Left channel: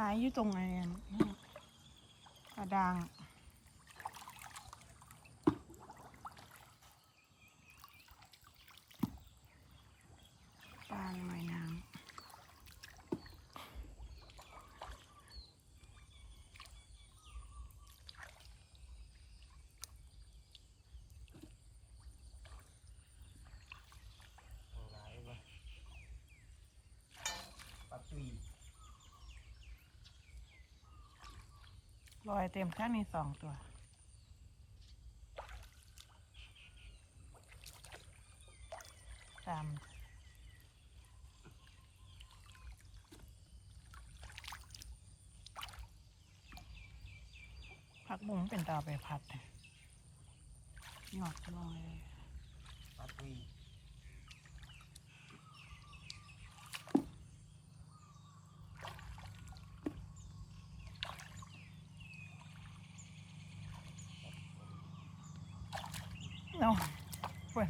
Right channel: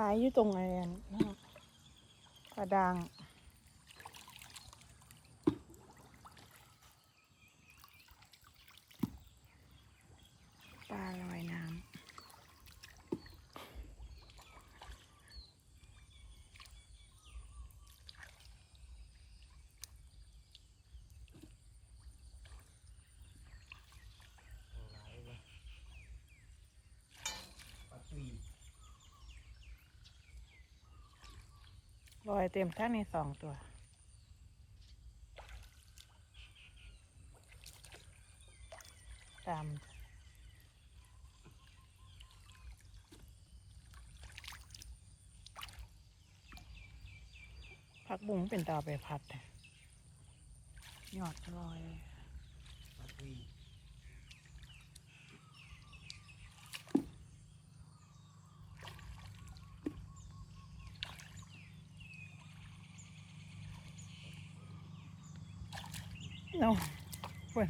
หลายอยู่ตรงไหนอะกระดังปลาลอยน้ หลายวะปลาตุยำ ลอยเต็มทั้งนี้สองตัว ตามผักบุ้งเป็นตาไปพัดยหยอดลอยปลาตุ ย เนาะเว้ย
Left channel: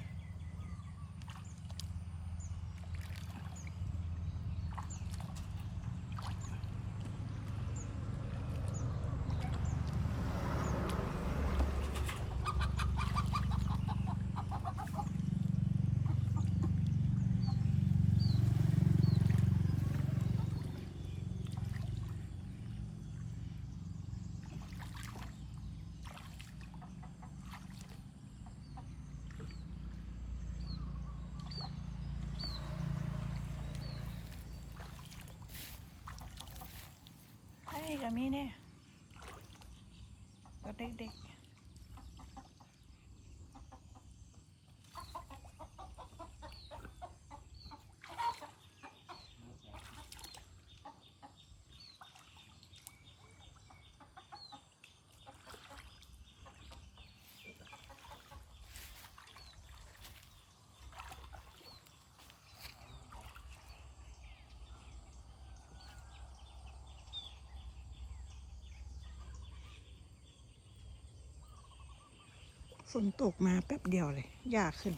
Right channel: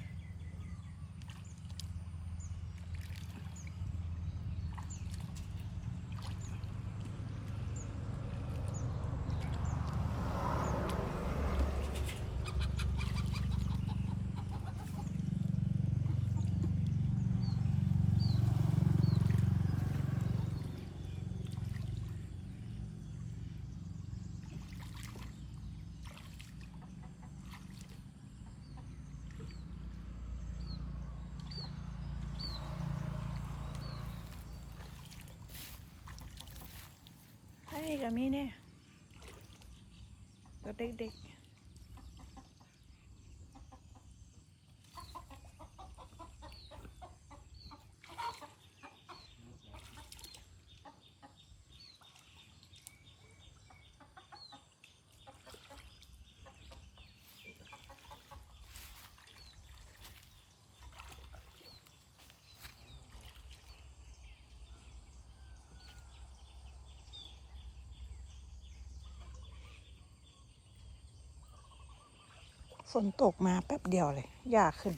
ไอ้กับมีเนี่ยก็เด็กๆ ฝนตกมาแป๊บเดียวเลยยากขึ้น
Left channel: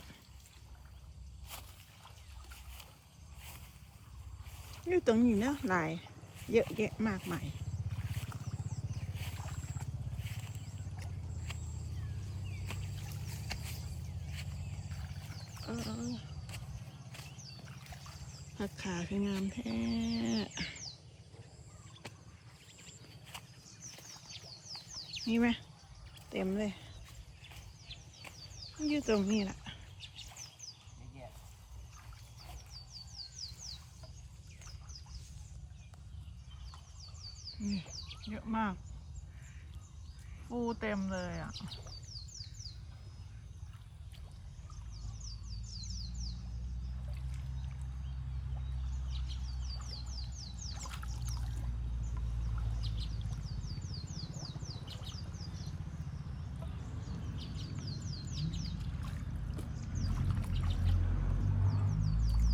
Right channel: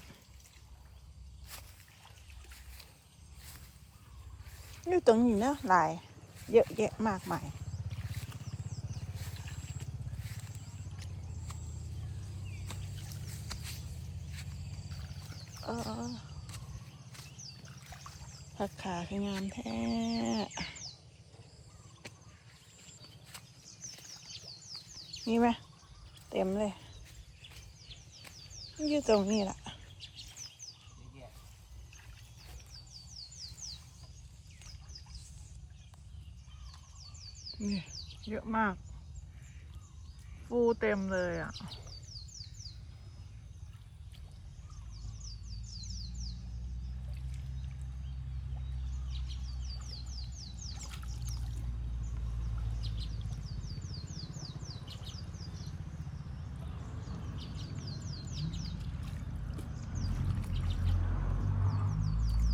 นี่ตรงนี้นะลาย เยอะแยะมากมายผักขาคืองามแท้นี่ไหมเต็มเลย อยู่ตรงนี้แหละเยอะมาก ฟูเต็มเลยอะ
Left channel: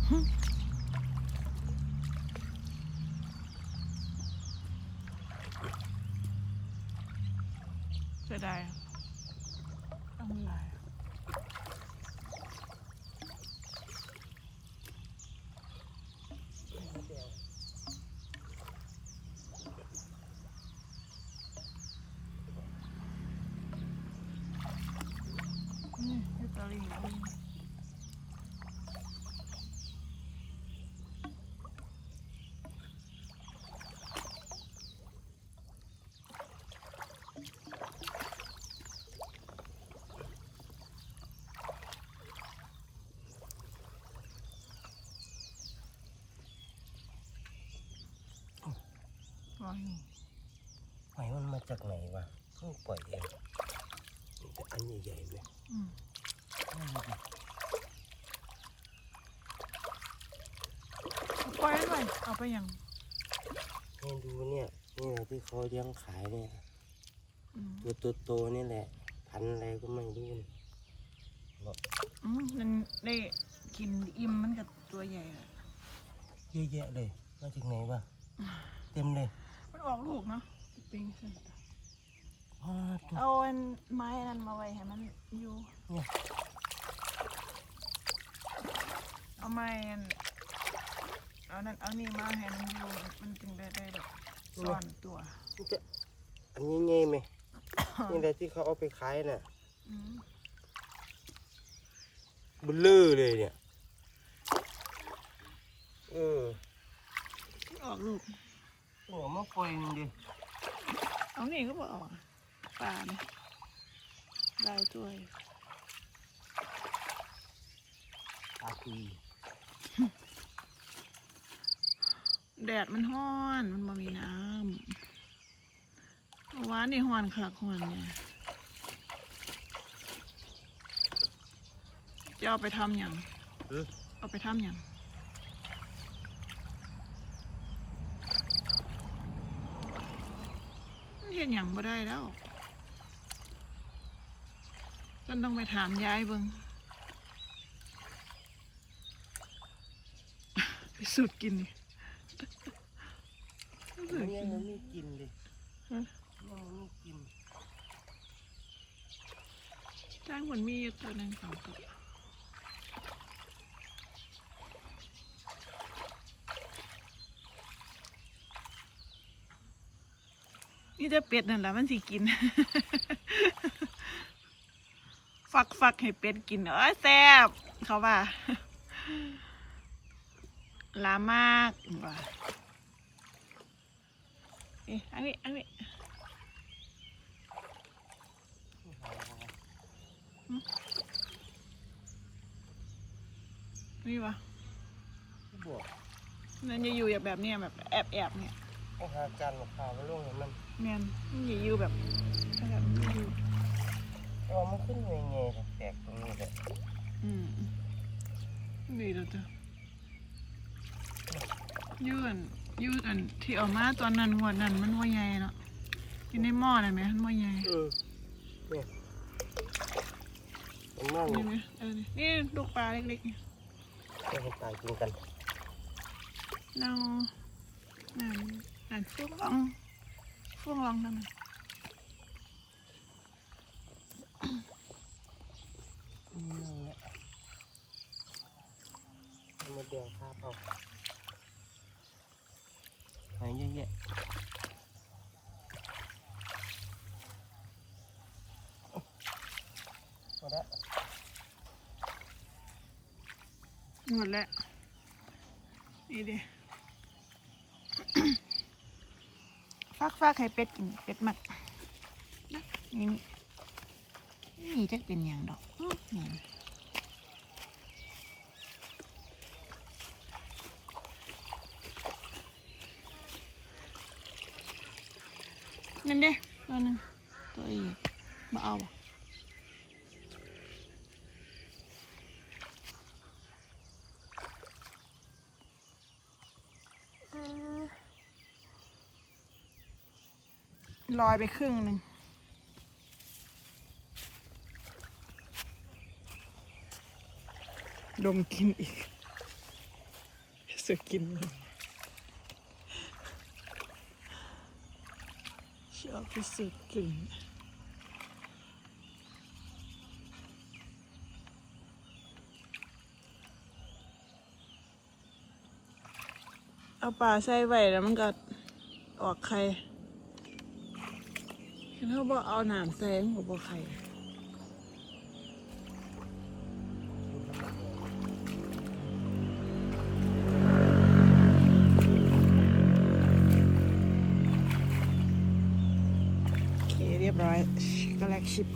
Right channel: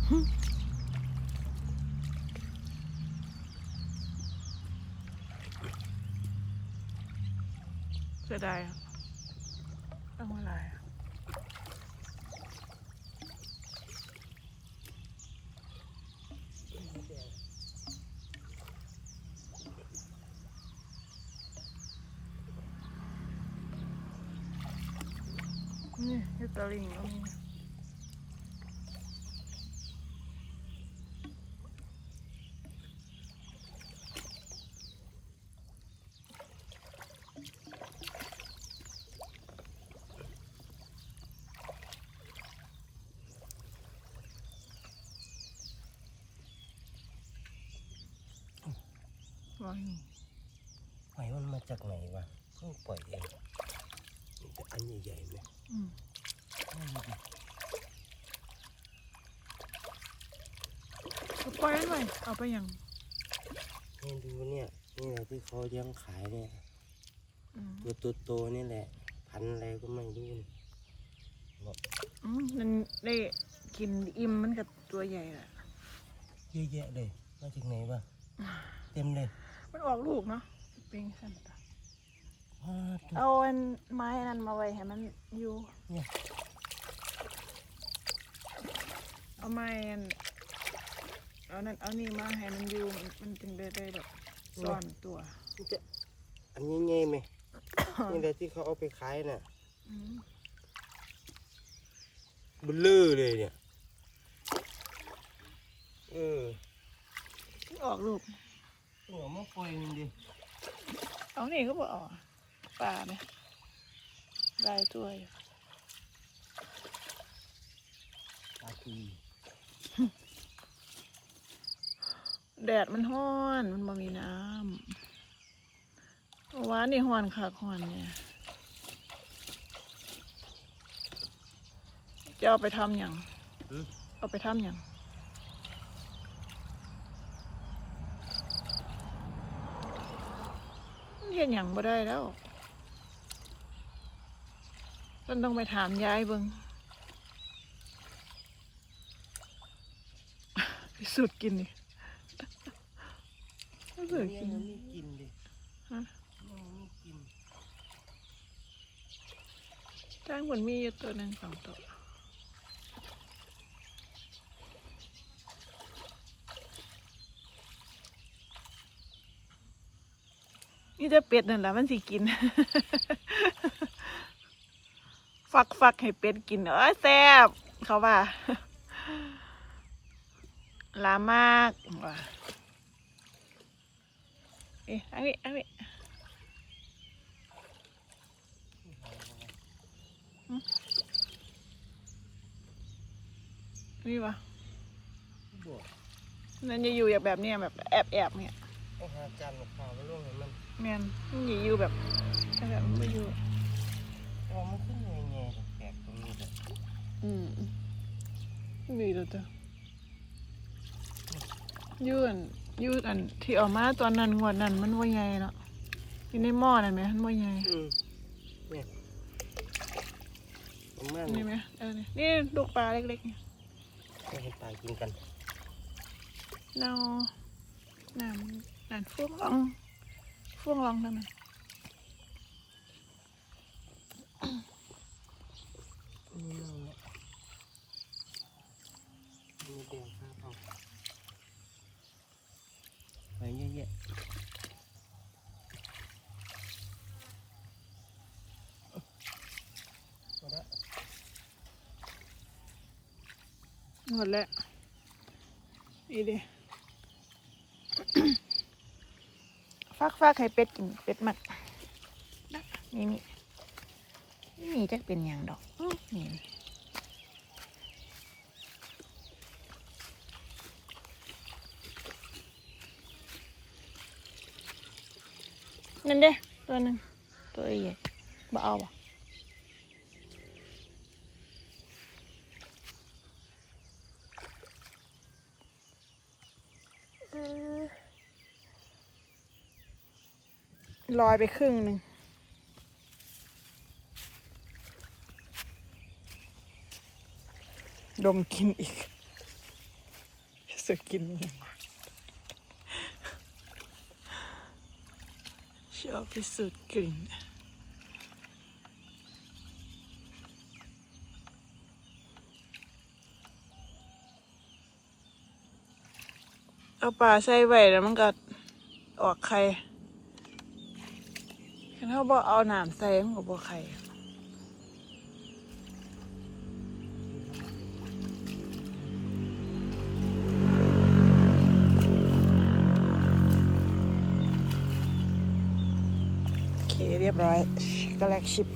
เสียดายอะเอามาลายอะนี่เฮตาลิงนี่ โอ้ยหอยมันมาจากไหนวะเพิ่งปล่อยเองมันจะอันใหญ่ๆไหมอืมไม่รู้ดิเอาปล่อยหน่อยเอาไปยังให้ดูเนี่ยนี่แหละที่เขาเลี้ยงขายเนี่ยอืมตัวโตๆนี่แหละ พันธุ์อะไรก็ไม่รู้นี่บอกอืมมันได้กินอิ่มมันกับตัวใหญ่อะเยอะแยะเลยมาจากไหนวะเต็มเลย มันออกลูกเนาะเป็นสันตะอ้าวตัวเอาอันไม้อันนั้นมาไว้ให้มันอยู่เนี่ยเอาไม้อันเอานั่นเอานี่มาให้มันอยู่มันมันจึงได้ได้ดอกซ่อนตัว มันจะอันนี้ไงไหมนี่แหละที่เขาเอาไปขายน่ะอืมเบลเลอร์เลยเนี่ย เออ ออกลูก หัวมาปล่อยหนึงดิเอานี่ก็บอกออกปลาเนี่ยลายตัวอยู่ตาตีแดดมันห้อน มันบ่มีน้ำหวานนี่ห้อนค่ะห้อนเนี่ยจะเอาไปทำอย่างอือเอาไปทำอย่าง เห็นอย่างบ่ได้แล้วต้นต้องไปถามยายเบิงไปสูดกินดิไปสูยัดงไงกินมันไม่กินดิฮะยังไม่กินจ้างเหมือนมีอยู่ตัวหนึ่งสองตัว นี่จะเป็ดนั่นแหละมันสิกิน ฟักฟักให้เป็ดกินเอ้ยแซ่บเขาว่าลามากว่าเอ๊ะอันนี้อันนี้นี่ปะบวกนั่นจะอยู่แบบเนี้ยแบบแอบแอบๆเนี่ย ต้องหาการมาข่าวมาลงให้มันแมนมันจะอยู่แบบแบบมันจะอยู่เออมันขึ้นยังไงกับแปลกตรงนี้แหละอืมดีเลยจ้ะยืนยืนอันที่ออกมาตอนนั้นงวันนั้นมันว่าไงเนาะอยู่ในหม้อเลยไหมมันว่าไงเออเนี่ยมันมากนี่ไหมเออนี่นี่ลูกปลาเล็กๆนี่จะให้ตายกินกันเนานั่น นั่นช่วงลองช่วงลองนั่นนี่นั่งเนี่ยมาแดงคาบเอาไปเยอะแยะเอาละหมดแล้วนี่ดิฟั กฟักให้เป็ดกินเป็ดหมักนี่นี่นี่จะเป็นอย่างดอกอื้อนี่นั่นเด้ตัวหนึงตัวใหญ่บ่เอาบ่เออ ลอยไปครึ่งหนึ่งดมกินอีกสึกกินชอบไปสูดกลิ่นเอาปลาใส่ไว้แล้วมันก็ออกไข่ คันเขาบอกเอาหนามใส่มันก็บอกไข่เคเรียบร้อยก็แลกชิป